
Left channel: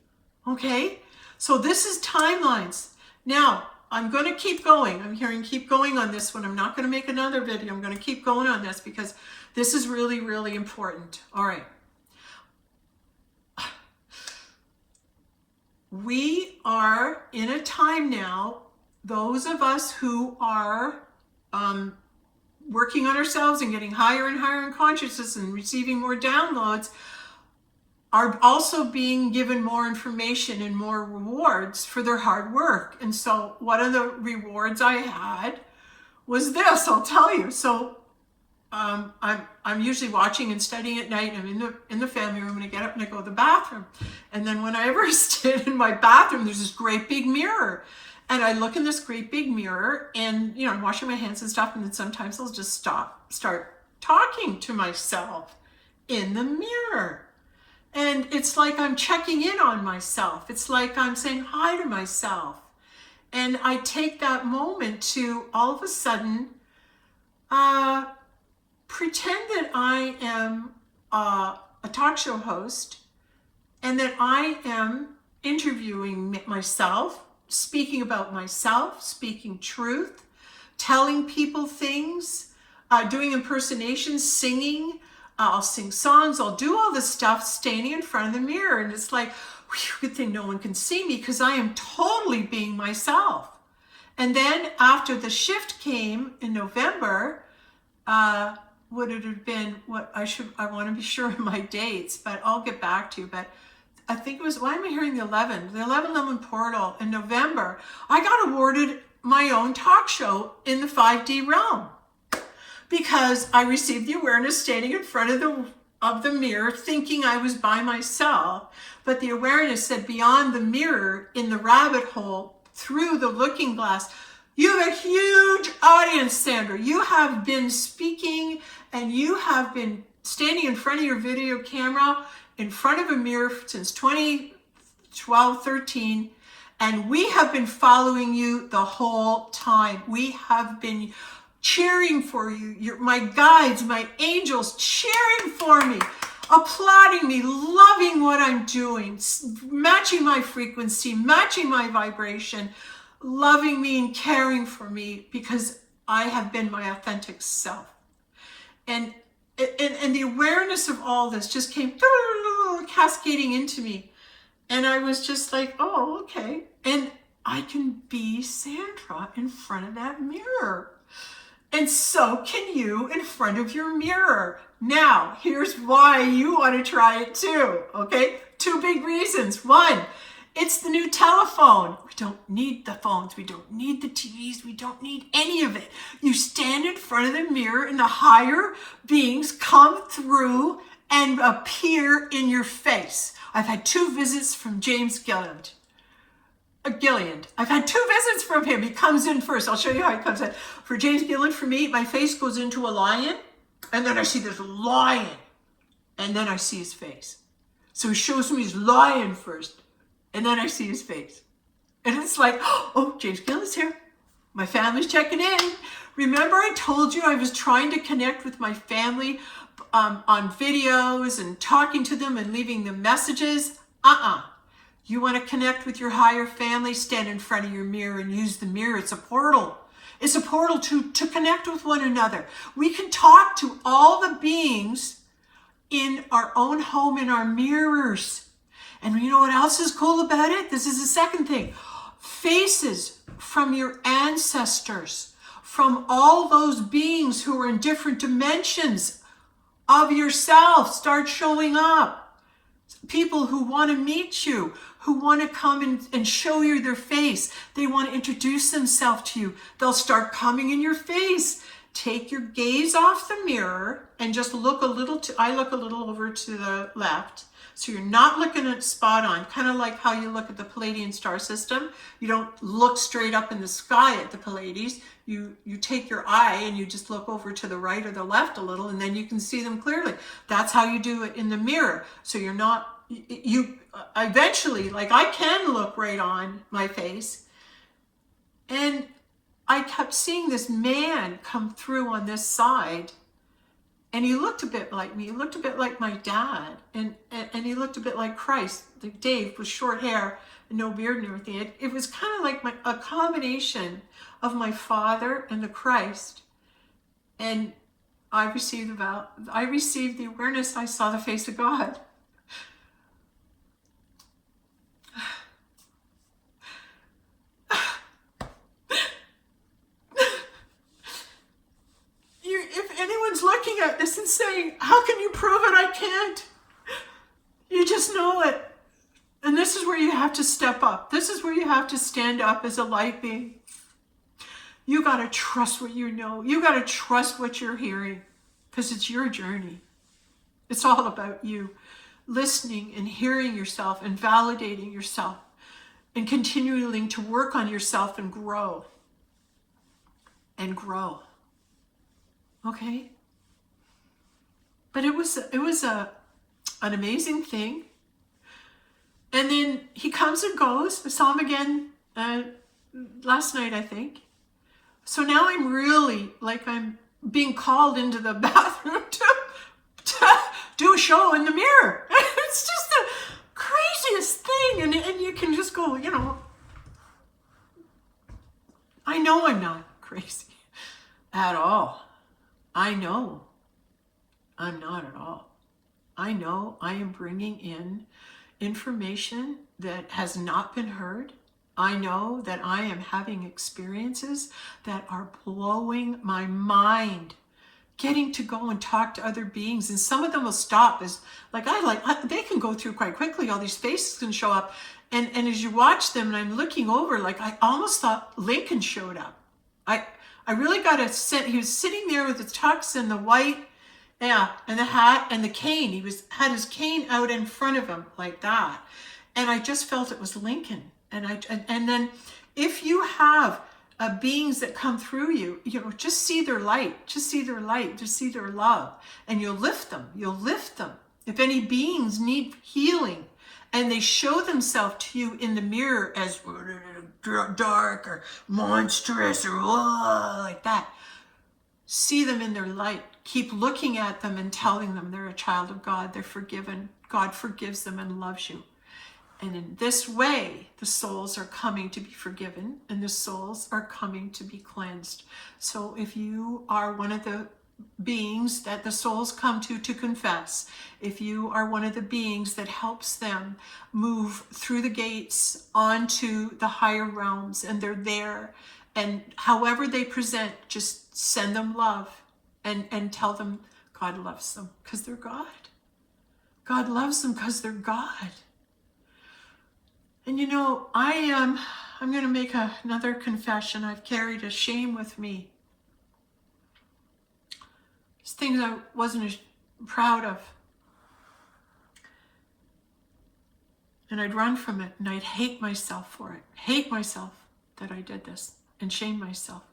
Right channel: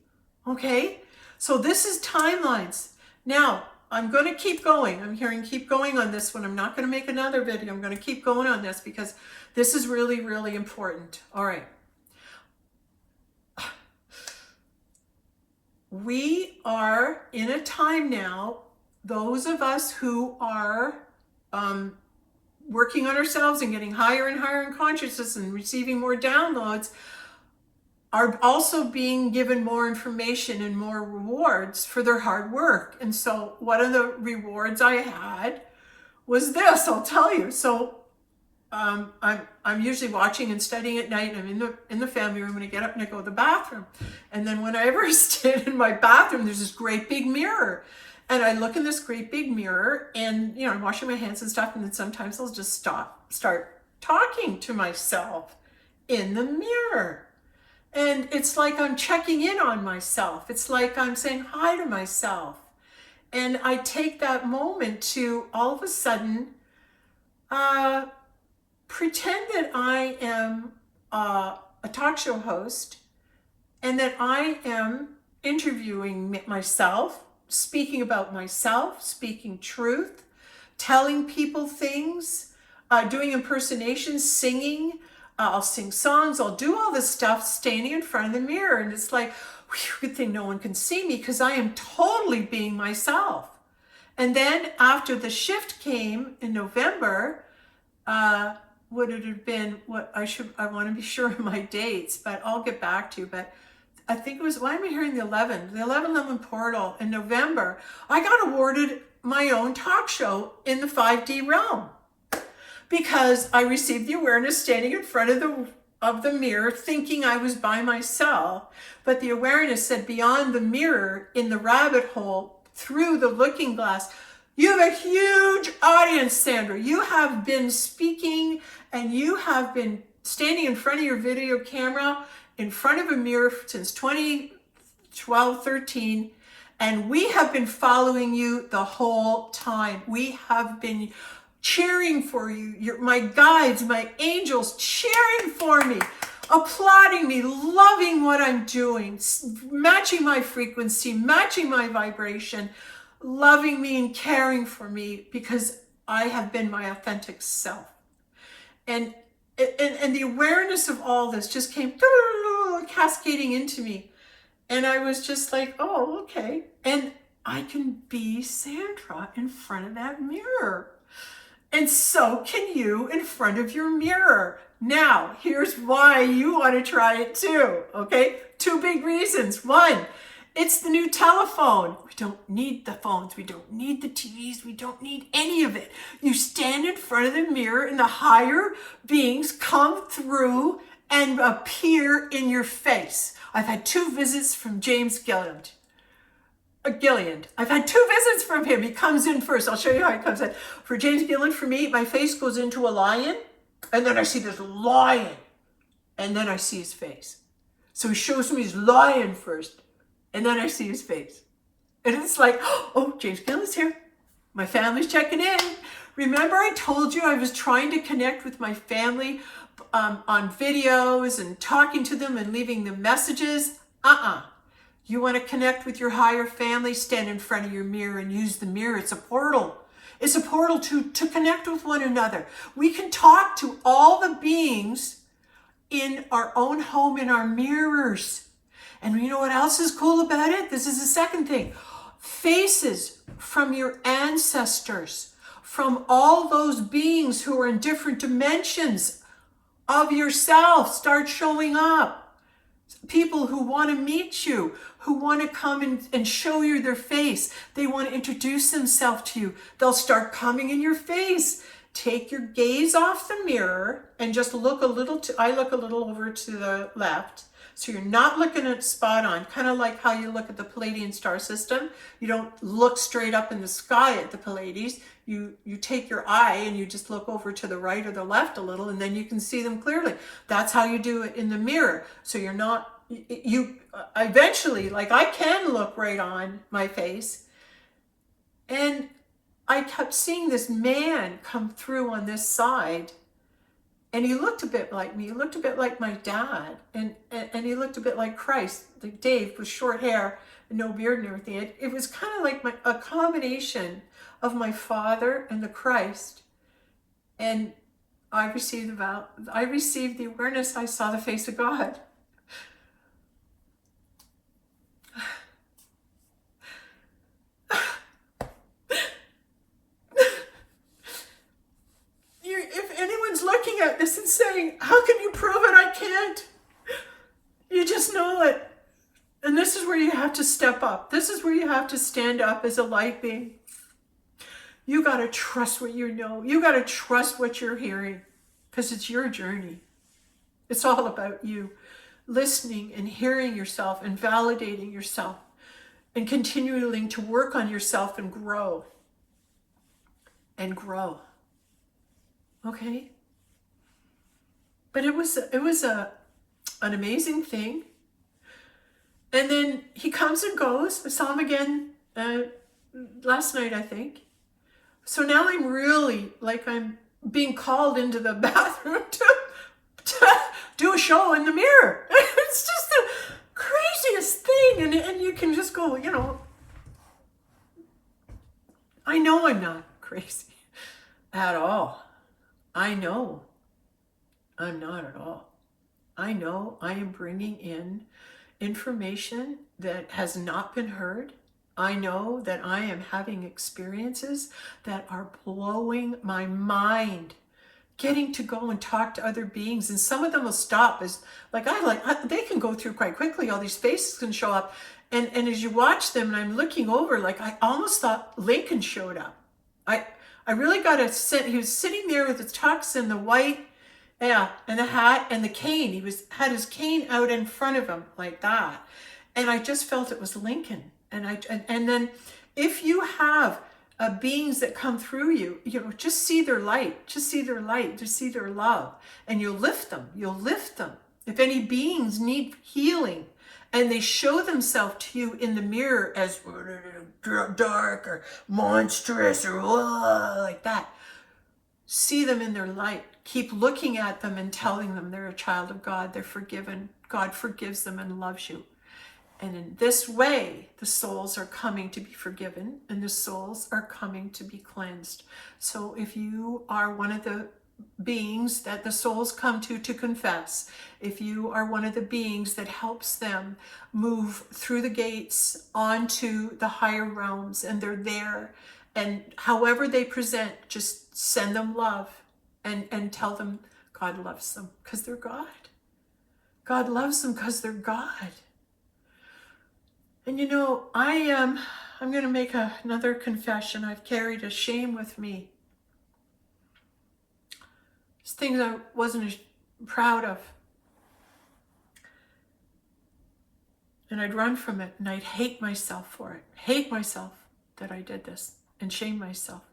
Okay? So this is timelines. Now, I'm going to keep going. I'm hearing keep going on this one. I'm not going to make another video. I'm going to keep going on this because this is really, really important. All right. We are in a time now, those of us who are working on ourselves and getting higher and higher in consciousness and receiving more downloads, are also being given more information and more rewards for their hard work. And so one of the rewards I had was this, I'll tell you. So I'm usually watching and studying at night. I'm in the family room and I get up and I go to the bathroom. And then whenever I stand in my bathroom, there's this great big mirror. And I look in this great big mirror and, you know, I'm washing my hands and stuff. And then sometimes I'll just start talking to myself in the mirror. And it's like I'm checking in on myself. It's like I'm saying hi to myself. And I take that moment to all of a sudden pretend that I am a talk show host and that I am interviewing myself, speaking about myself, speaking truth, telling people things, doing impersonations, singing. I'll sing songs, I'll do all this stuff standing in front of the mirror. And it's like, whew, good thing no one can see me because I am totally being myself. And then after the shift came in November, would it have been I want to be sure of my dates, but I'll get back to you. But I think it was, why am I hearing the 11th? The 11 portal in November, I got awarded my own talk show in the 5D realm. Because I received the awareness standing in front of the mirror thinking I was by myself, but the awareness said beyond the mirror, in the rabbit hole, through the looking glass, you have a huge audience, Sandra. You have been speaking and you have been standing in front of your video camera in front of a mirror since 2012, 13, and we have been following you the whole time. We have been cheering for you, my guides, my angels, cheering for me, applauding me, loving what I'm doing, matching my frequency, matching my vibration, loving me and caring for me because I have been my authentic self. And the awareness of all this just came cascading into me. And I was just like, oh, okay. And I can be Sandra in front of that mirror. And so can you in front of your mirror. Now, here's why you want to try it too, okay? 2 big reasons. 1, it's the new telephone. We don't need the phones. We don't need the TVs. We don't need any of it. You stand in front of the mirror and the higher beings come through and appear in your face. I've had 2 visits from James Gilliland. I've had 2 visits from him. He comes in first. I'll show you how he comes in. For James Gilliland, for me, my face goes into a lion, and then I see this lion, and then I see his face. So he shows me his lion first, and then I see his face. And it's like, oh, James Gilliland's here. My family's checking in. Remember I told you I was trying to connect with my family on videos and talking to them and leaving them messages? You want to connect with your higher family, stand in front of your mirror and use the mirror. It's a portal. It's a portal to connect with one another. We can talk to all the beings in our own home, in our mirrors. And you know what else is cool about it? This is the second thing. Faces from your ancestors, from all those beings who are in different dimensions of yourself start showing up. People who want to meet you, who want to come and show you their face. They want to introduce themselves to you. They'll start coming in your face. Take your gaze off the mirror and just look a little, I look a little over to the left. So you're not looking at spot on, kind of like how you look at the Palladian star system. You don't look straight up in the sky at the Pallades. You take your eye and you just look over to the right or the left a little, and then you can see them clearly. That's how you do it in the mirror. So you're not, you eventually, like I can look right on my face. And I kept seeing this man come through on this side. And he looked a bit like me. He looked a bit like my dad. And he looked a bit like Christ, like Dave with short hair and no beard and everything. It was kind of like a combination of my father and the Christ. And I received the awareness. I saw the face of God. If anyone's looking at this and saying, how can you prove it? I can't. You just know it. And this is where you have to step up. This is where you have to stand up as a light being. You got to trust what you know. You got to trust what you're hearing, because it's your journey. It's all about you listening and hearing yourself and validating yourself and continuing to work on yourself and grow. And grow. Okay? But it was an amazing thing. And then he comes and goes. I saw him again last night, I think. So now I'm really, like, I'm being called into the bathroom to do a show in the mirror. It's just the craziest thing. And you can just go, you know, I know I'm not crazy at all. I know I'm not at all. I know I am bringing in information that has not been heard. I know that I am having experiences that are blowing my mind. Getting to go and talk to other beings, and some of them will stop as they can go through quite quickly. All these faces can show up, and as you watch them, and I'm looking over, like I almost thought Lincoln showed up. I really got a sense. He was sitting there with the tux and the white, and the hat and the cane. He had his cane out in front of him like that, and I just felt it was Lincoln. And then if you have beings that come through you, you know, just see their light, just see their light, just see their love, and you'll lift them. You'll lift them. If any beings need healing, and they show themselves to you in the mirror as dark or monstrous or like that, see them in their light. Keep looking at them and telling them they're a child of God. They're forgiven. God forgives them and loves you. And in this way, the souls are coming to be forgiven and the souls are coming to be cleansed. So if you are one of the beings that the souls come to confess, if you are one of the beings that helps them move through the gates onto the higher realms, and they're there, and however they present, just send them love and tell them God loves them because they're God. God loves them because they're God. And you know, I'm going to make another confession. I've carried a shame with me. It's things I wasn't as proud of. And I'd run from it, and I'd hate myself for it. Hate myself that I did this, and shame myself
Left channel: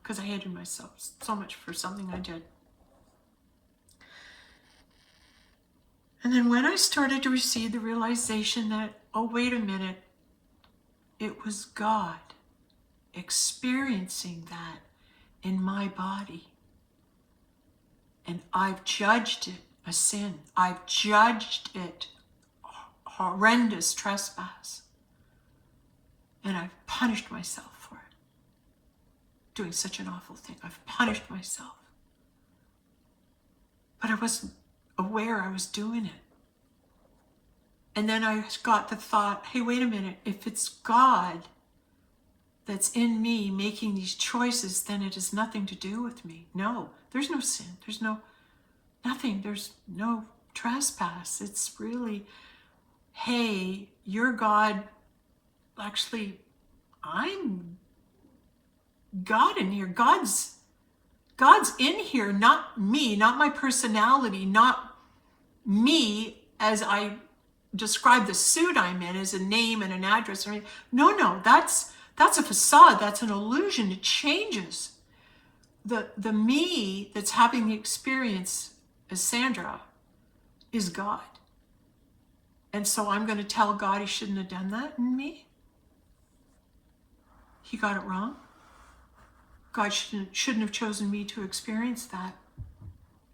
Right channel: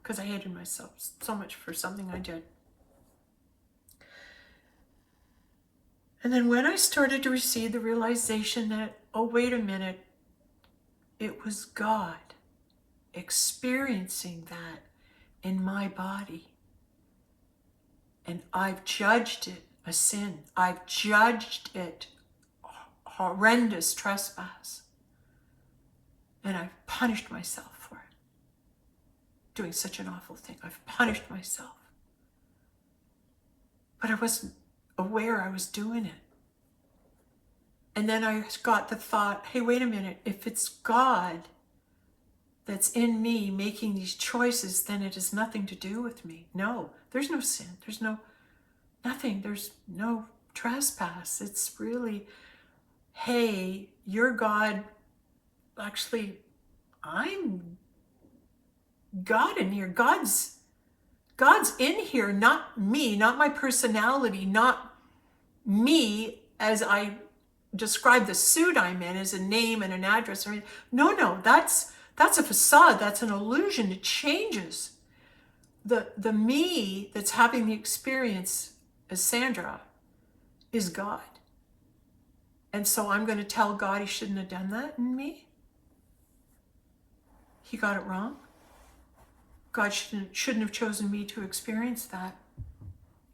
because I hated myself so much for something I did. And then when I started to receive the realization that, oh, wait a minute, it was God experiencing that in my body. And I've judged it a sin. I've judged it horrendous trespass. And I've punished myself for it. Doing such an awful thing. I've punished myself. But I wasn't aware I was doing it. And then I got the thought, hey, wait a minute, if it's God that's in me making these choices, then it has nothing to do with me. No, there's no sin. There's nothing. There's no trespass. It's really, hey, you're God. Actually, I'm God in here. God's in here, not me, not my personality, not me as I describe the suit I'm in as a name and an address. No, that's a facade. That's an illusion. It changes. The me that's having the experience as Sandra is God. And so I'm going to tell God he shouldn't have done that in me. He got it wrong. God shouldn't have chosen me to experience that.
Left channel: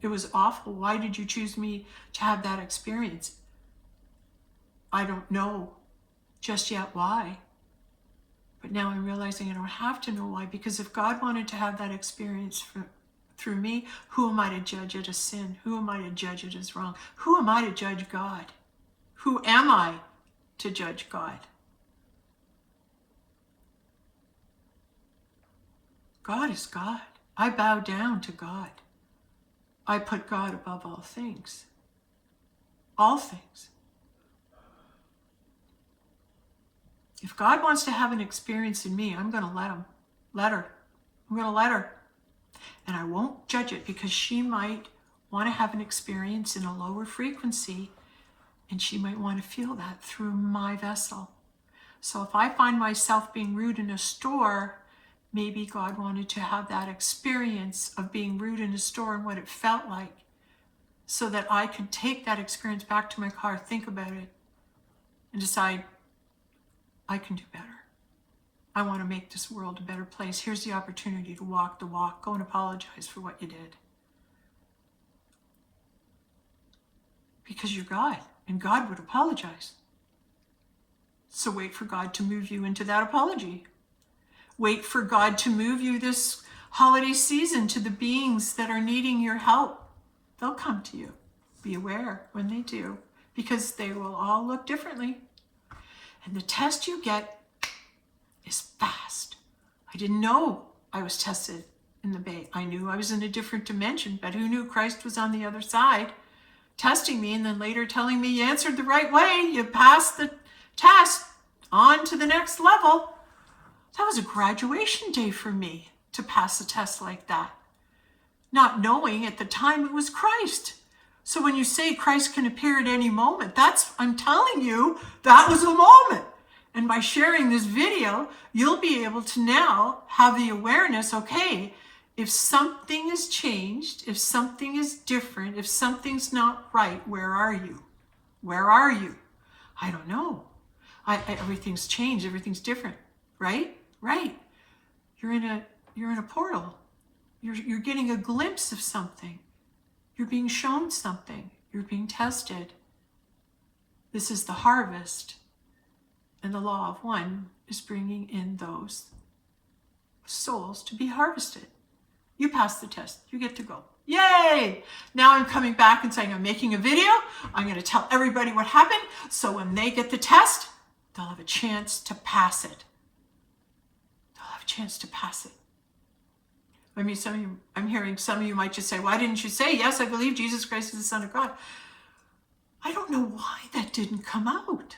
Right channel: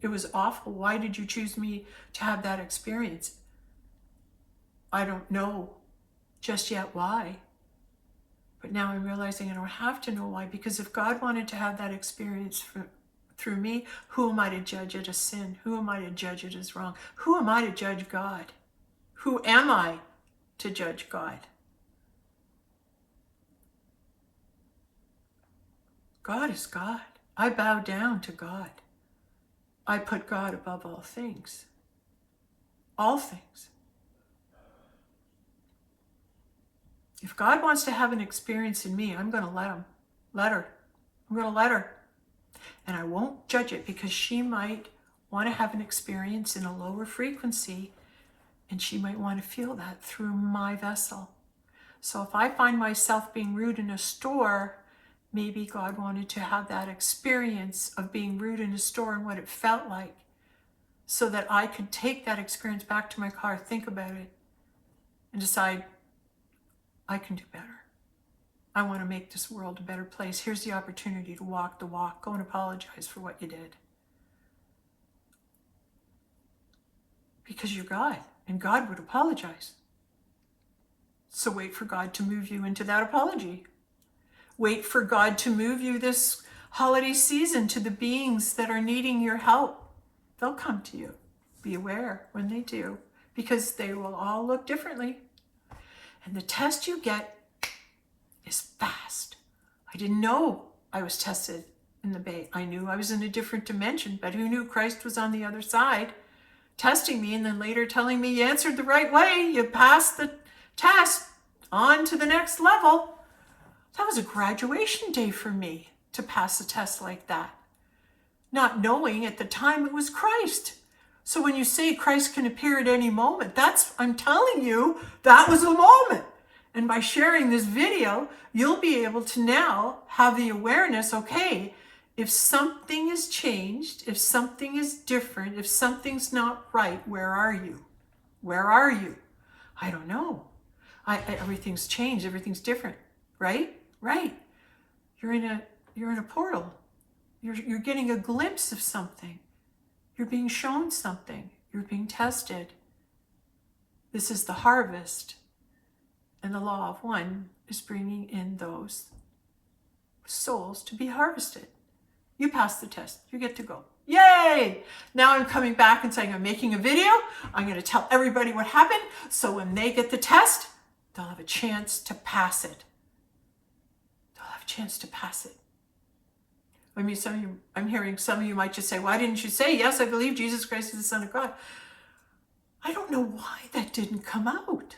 It was awful. Why did you choose me to have that experience? I don't know just yet why. But now I'm realizing I don't have to know why, because if God wanted to have that experience through me, who am I to judge it as sin? Who am I to judge it as wrong? Who am I to judge God? Who am I to judge God? God is God. I bow down to God. I put God above all things. All things. If God wants to have an experience in me, I'm going to let him. Let her. I'm going to let her. And I won't judge it, because she might want to have an experience in a lower frequency, and she might want to feel that through my vessel. So if I find myself being rude in a store, maybe God wanted to have that experience of being rude in a store and what it felt like, so that I could take that experience back to my car, think about it, and decide, I can do better. I want to make this world a better place. Here's the opportunity to walk the walk. Go and apologize for what you did. Because you're God, and God would apologize. So wait for God to move you into that apology. Wait for God to move you this holiday season to the beings that are needing your help. They'll come to you. Be aware when they do, because they will all look differently. And the test you get is fast. I didn't know I was tested in the Bay. I knew I was in a different dimension, but who knew Christ was on the other side, testing me, and then later telling me you answered the right way, you passed the test, on to the next level. That was a graduation day for me, to pass a test like that. Not knowing at the time it was Christ. So when you say Christ can appear at any moment, I'm telling you, that was a moment. And by sharing this video, you'll be able to now have the awareness, okay, if something is changed, if something is different, if something's not right, where are you? Where are you? I don't know. Everything's changed, everything's different, right? Right. You're in a portal. You're getting a glimpse of something. You're being shown something. You're being tested. This is the harvest. And the law of one is bringing in those souls to be harvested. You pass the test. You get to go. Yay! Now I'm coming back and saying I'm making a video. I'm going to tell everybody what happened, so when they get the test, they'll have a chance to pass it. They'll have a chance to pass it. I mean, I'm hearing some of you might just say, why didn't you say, yes, I believe Jesus Christ is the Son of God? I don't know why that didn't come out.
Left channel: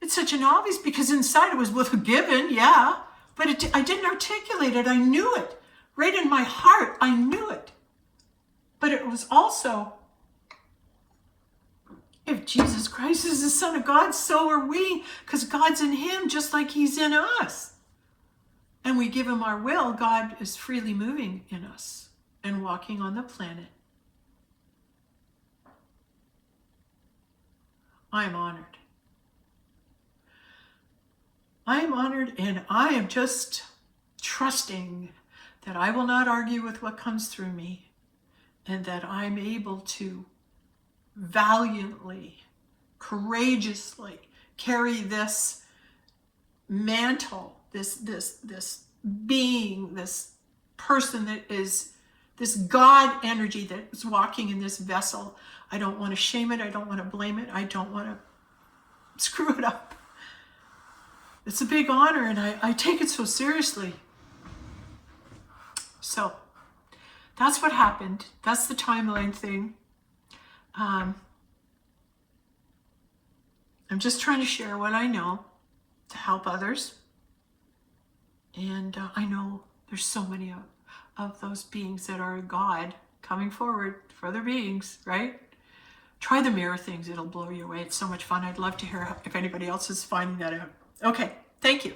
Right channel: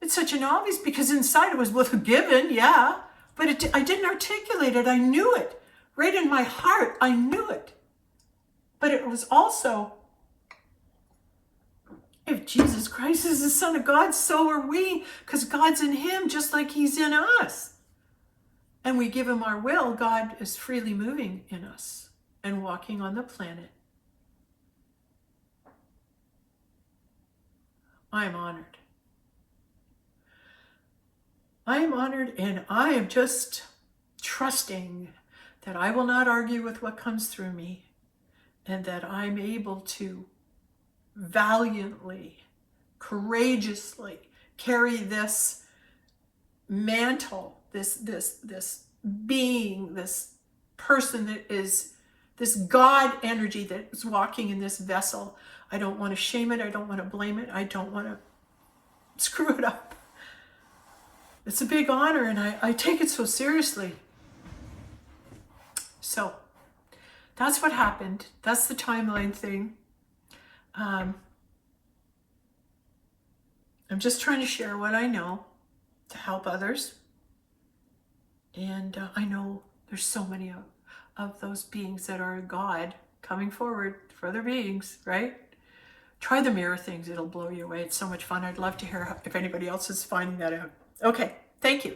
It's such an obvious, because inside it was both a given, yeah, but I didn't articulate it. I knew it. Right in my heart, I knew it. But it was also, if Jesus Christ is the Son of God, so are we, because God's in him just like he's in us. And we give him our will, God is freely moving in us and walking on the planet. I am honored. I am honored, and I am just trusting that I will not argue with what comes through me, and that I'm able to valiantly, courageously carry this mantle, this being, this person that is this God energy that is walking in this vessel. I don't want to shame it. I don't want to blame it. I don't want to screw it up. It's a big honor, and I take it so seriously. So that's what happened. That's the timeline thing. I'm just trying to share what I know to help others. And I know there's so many of those beings that are God coming forward for other beings, right? Try the mirror things. It'll blow you away. It's so much fun. I'd love to hear if anybody else is finding that out. Okay, thank you.